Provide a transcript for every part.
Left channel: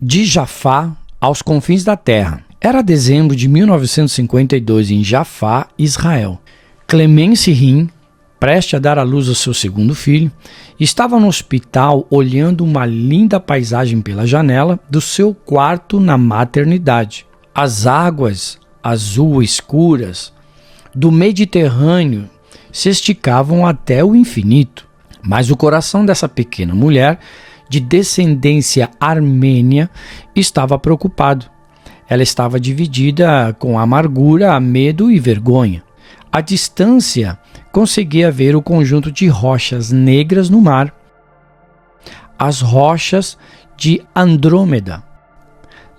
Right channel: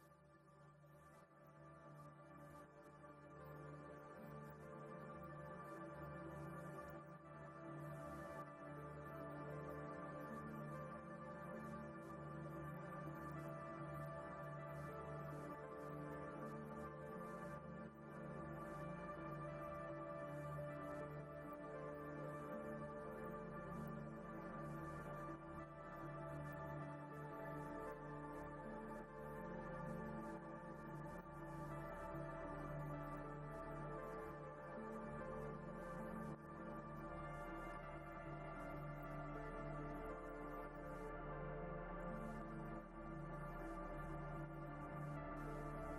De Jafá aos confins da terra. Era dezembro de 1952 em Jafá, Israel. Clemence Rim, prestes a dar à luz ao seu segundo filho, estava no hospital olhando uma linda paisagem pela janela do seu quarto na maternidade. As águas azul escuras do Mediterrâneo se esticavam até o infinito, mas o coração dessa pequena mulher de descendência armênia estava preocupado. Ela estava dividida com amargura, medo e vergonha. À distância, conseguia ver o conjunto de rochas negras no mar, as rochas de Andrômeda.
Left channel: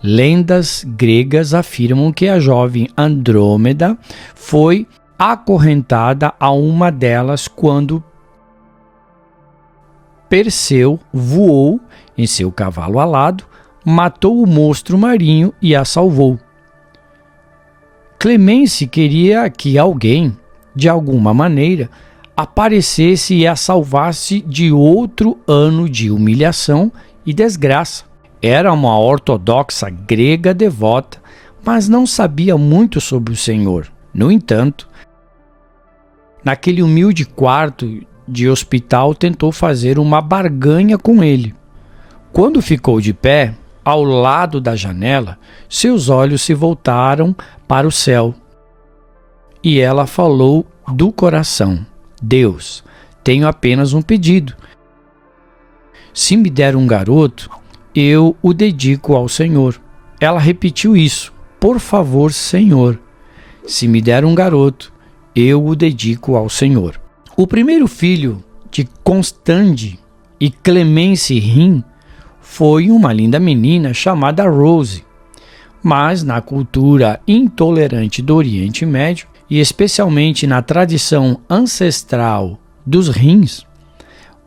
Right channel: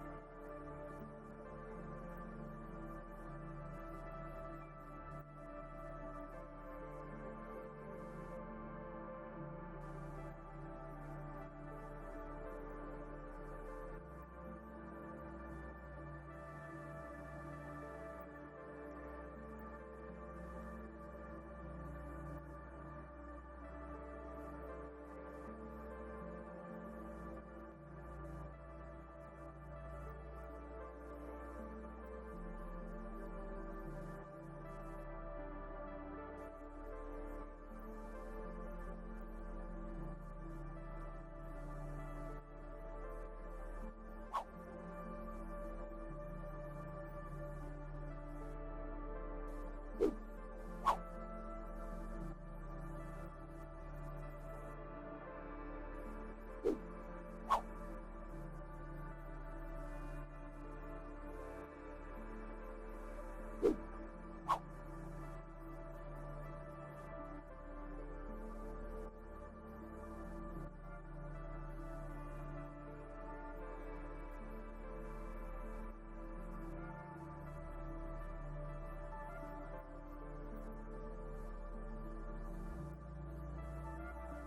Lendas gregas afirmam que a jovem Andrômeda foi acorrentada a uma delas quando Perseu voou em seu cavalo alado, matou o monstro marinho e a salvou. Clemence queria que alguém, de alguma maneira, aparecesse e a salvasse de outro ano de humilhação e desgraça. Era uma ortodoxa grega devota, mas não sabia muito sobre o Senhor. No entanto, naquele humilde quarto de hospital, tentou fazer uma barganha com ele. Quando ficou de pé, ao lado da janela, seus olhos se voltaram para o céu. E ela falou do coração: Deus, tenho apenas um pedido. Se me der um garoto, eu o dedico ao Senhor. Ela repetiu isso: por favor, Senhor, se me der um garoto, eu o dedico ao Senhor. O primeiro filho de Constande e Clemence Rim foi uma linda menina chamada Rose. Mas na cultura intolerante do Oriente Médio, e especialmente na tradição ancestral dos Rins,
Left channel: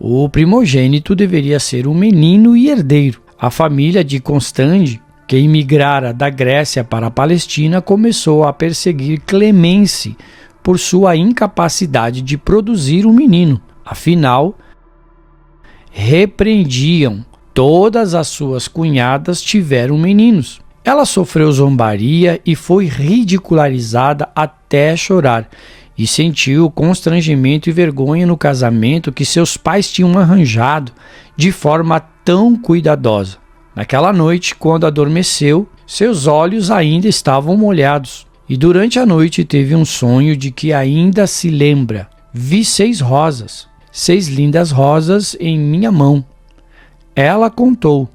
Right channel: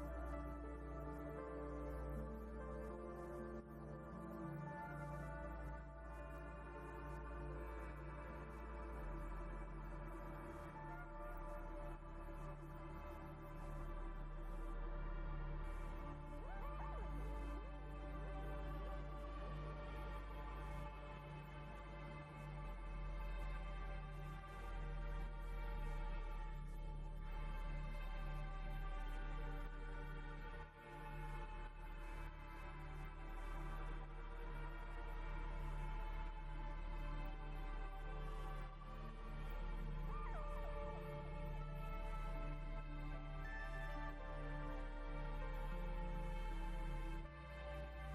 o primogênito deveria ser um menino e herdeiro. A família de Constande, que imigrara da Grécia para a Palestina, começou a perseguir Clemence por sua incapacidade de produzir um menino. Afinal, repreendiam todas as suas cunhadas tiveram meninos. Ela sofreu zombaria e foi ridicularizada até chorar, e sentiu constrangimento e vergonha no casamento que seus pais tinham arranjado de forma tão cuidadosa. Naquela noite, quando adormeceu, seus olhos ainda estavam molhados, e durante a noite teve um sonho de que ainda se lembra. Vi 6 rosas, 6 lindas rosas em minha mão. Ela contou:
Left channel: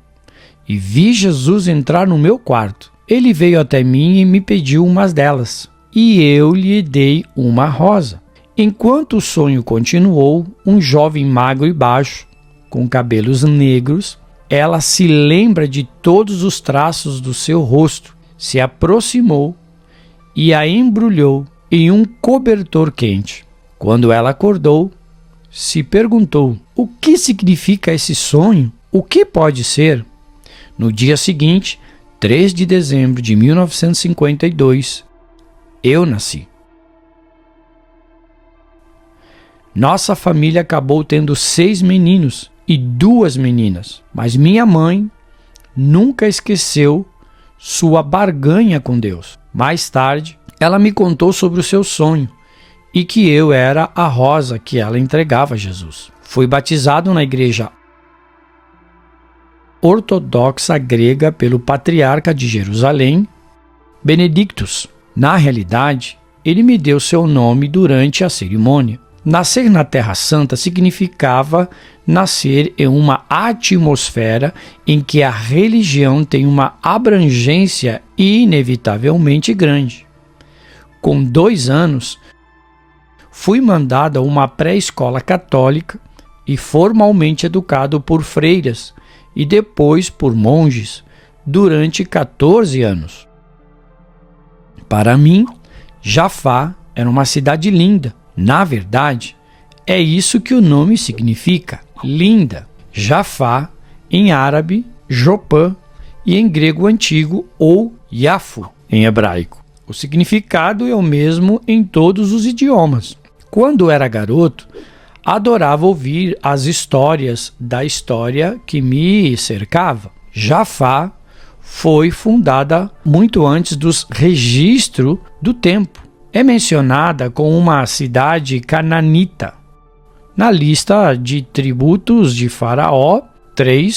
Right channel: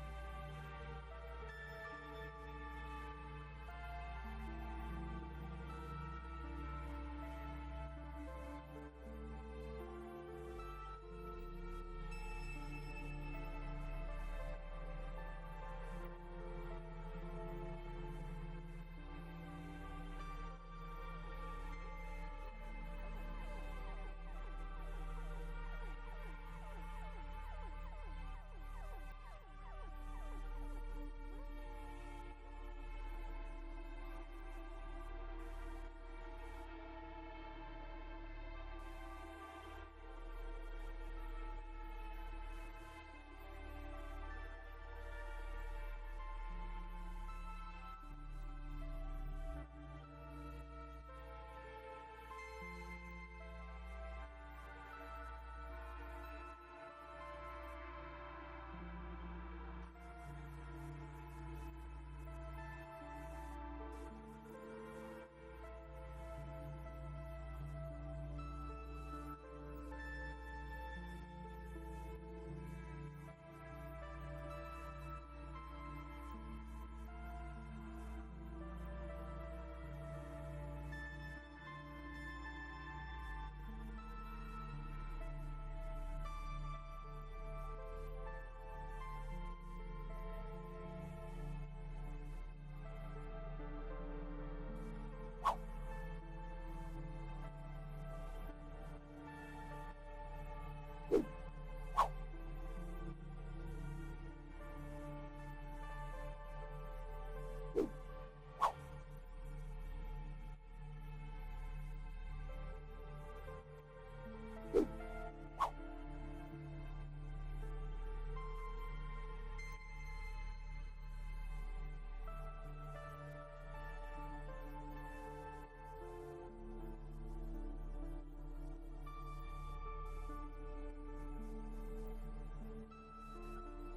e vi Jesus entrar no meu quarto. Ele veio até mim e me pediu umas delas, e eu lhe dei uma rosa. Enquanto o sonho continuou, um jovem magro e baixo, com cabelos negros, ela se lembra de todos os traços do seu rosto, se aproximou e a embrulhou em um cobertor quente. Quando ela acordou, se perguntou: o que significa esse sonho? O que pode ser? No dia seguinte, 3 de dezembro de 1952, eu nasci. Nossa família acabou tendo 6 meninos e 2 meninas, mas minha mãe nunca esqueceu sua barganha com Deus. Mais tarde, ela me contou sobre o seu sonho e que eu era a rosa que ela entregava a Jesus. Fui batizado na igreja ortodoxa grega pelo patriarca de Jerusalém, Benedictus. Na realidade, ele me deu seu nome durante a cerimônia. Nascer na Terra Santa significava nascer em uma atmosfera em que a religião tem uma abrangência inevitavelmente grande. Com 2 anos, fui mandado a uma pré-escola católica e formalmente educado por freiras e depois por monges durante 14 anos. Para mim, Jafá era uma cidade linda. Na verdade, é isso que o nome significa, linda. Jafá, em árabe, Jopã, e em grego antigo, ou Yafo, em hebraico. O significado é o mesmo em todos os idiomas. Quando era garoto, adorava ouvir as histórias da história que me cercava. Jafá foi fundada muito antes dos registros do tempo. É mencionada como uma cidade cananita na lista de tributos de Faraó III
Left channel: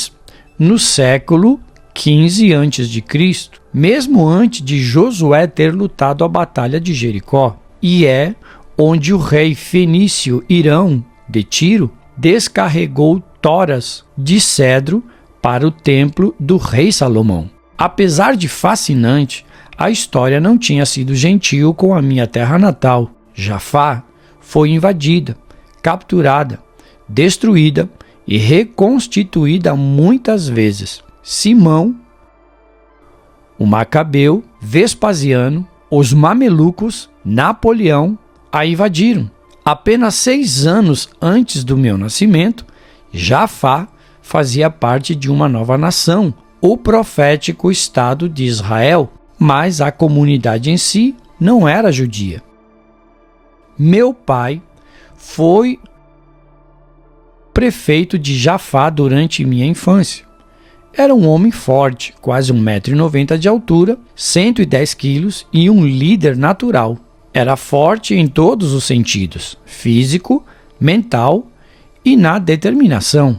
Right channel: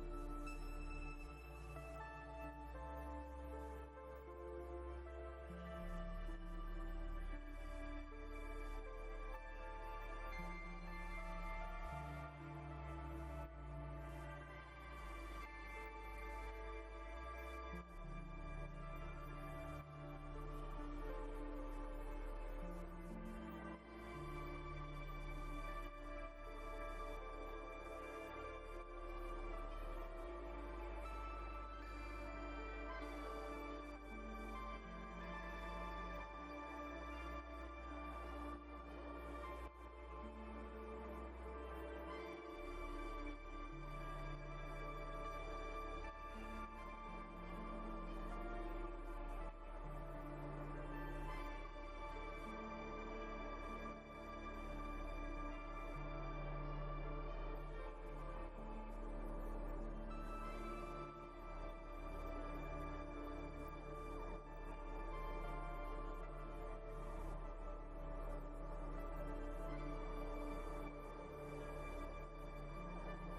no século XV a.C., mesmo antes de Josué ter lutado a Batalha de Jericó, e é onde o rei fenício Irão de Tiro descarregou toras de cedro para o templo do rei Salomão. Apesar de fascinante, a história não tinha sido gentil com a minha terra natal. Jafá foi invadida, capturada, destruída e reconstituída muitas vezes. Simão, o Macabeu, Vespasiano, os Mamelucos, Napoleão a invadiram. Apenas 6 anos antes do meu nascimento, Jafá fazia parte de uma nova nação, o profético Estado de Israel, mas a comunidade em si não era judia. Meu pai foi prefeito de Jafá durante minha infância. Era um homem forte, quase 1,90 m de altura, 110 quilos e um líder natural. Era forte em todos os sentidos, físico, mental e na determinação.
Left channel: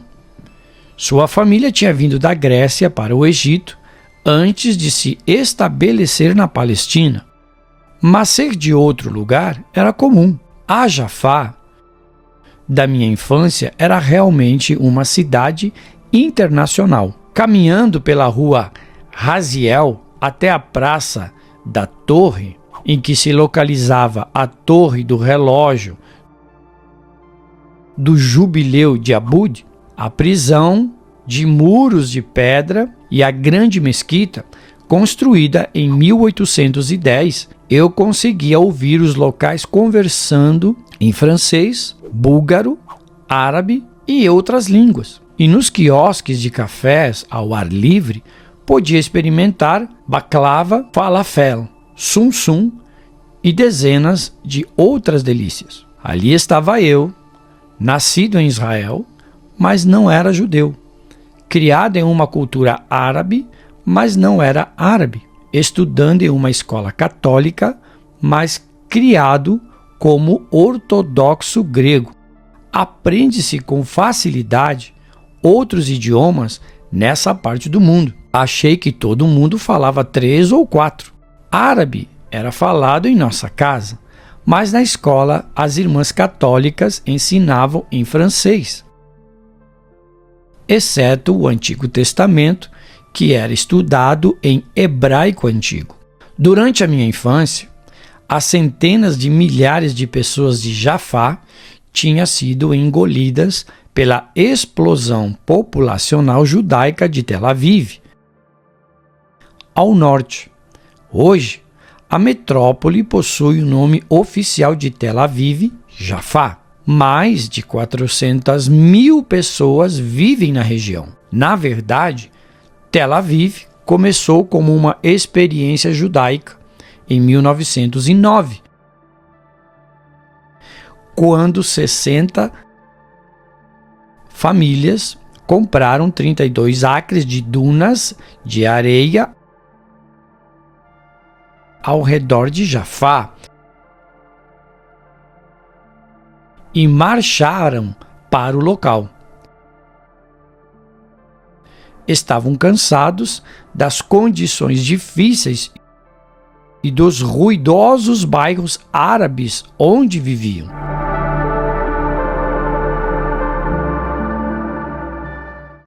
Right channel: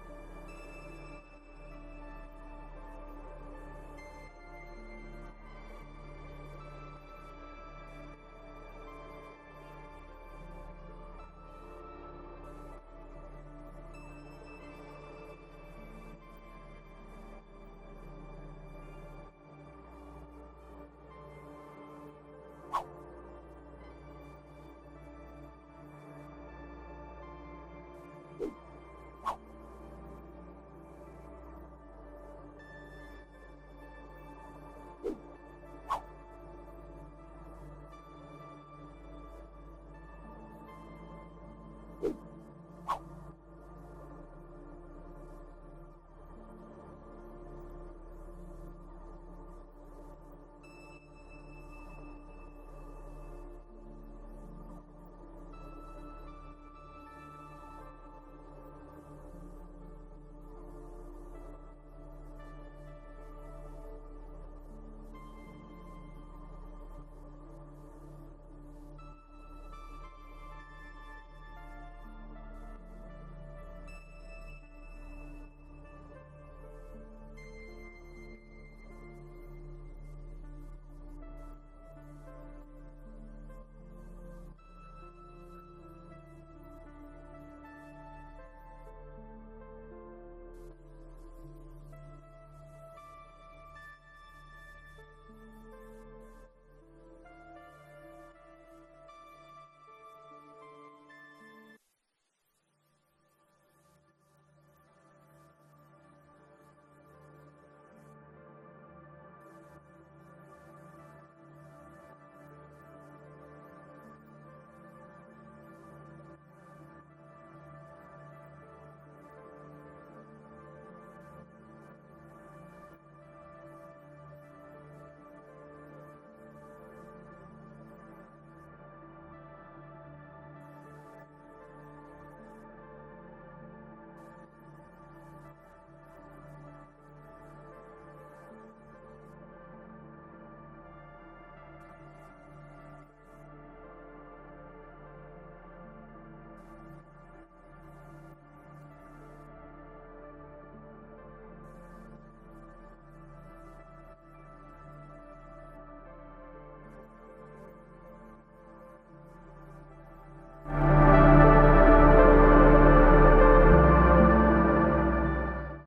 Sua família tinha vindo da Grécia para o Egito antes de se estabelecer na Palestina. Mas ser de outro lugar era comum. A Jafá da minha infância era realmente uma cidade internacional. Caminhando pela rua Raziel até a Praça da Torre, em que se localizava a Torre do Relógio do Jubileu de Abud, a prisão de muros de pedra e a grande mesquita, construída em 1810, eu conseguia ouvir os locais conversando em francês, búlgaro, árabe e outras línguas. E nos quiosques de cafés ao ar livre, podia experimentar baklava, falafel, sum-sum e dezenas de outras delícias. Ali estava eu, nascido em Israel, mas não era judeu. Criado em uma cultura árabe, mas não era árabe. Estudando em uma escola católica, mas criado como ortodoxo grego. Aprende-se com facilidade outros idiomas nessa parte do mundo. Achei que todo mundo falava 3 ou 4. Árabe era falado em nossa casa, mas na escola as irmãs católicas ensinavam em francês, exceto o Antigo Testamento, que era estudado em hebraico antigo. Durante a minha infância, as centenas de milhares de pessoas de Jafá tinham sido engolidas pela explosão populacional judaica de Tel Aviv, ao norte. Hoje, a metrópole possui o nome oficial de Tel Aviv, Jafá. Mais de 400 mil pessoas vivem na região. Na verdade, Tel Aviv começou como uma experiência judaica em 1909, quando 60 famílias compraram 32 acres de dunas de areia ao redor de Jafá e marcharam para o local. Estavam cansados das condições difíceis e dos ruidosos bairros árabes onde viviam.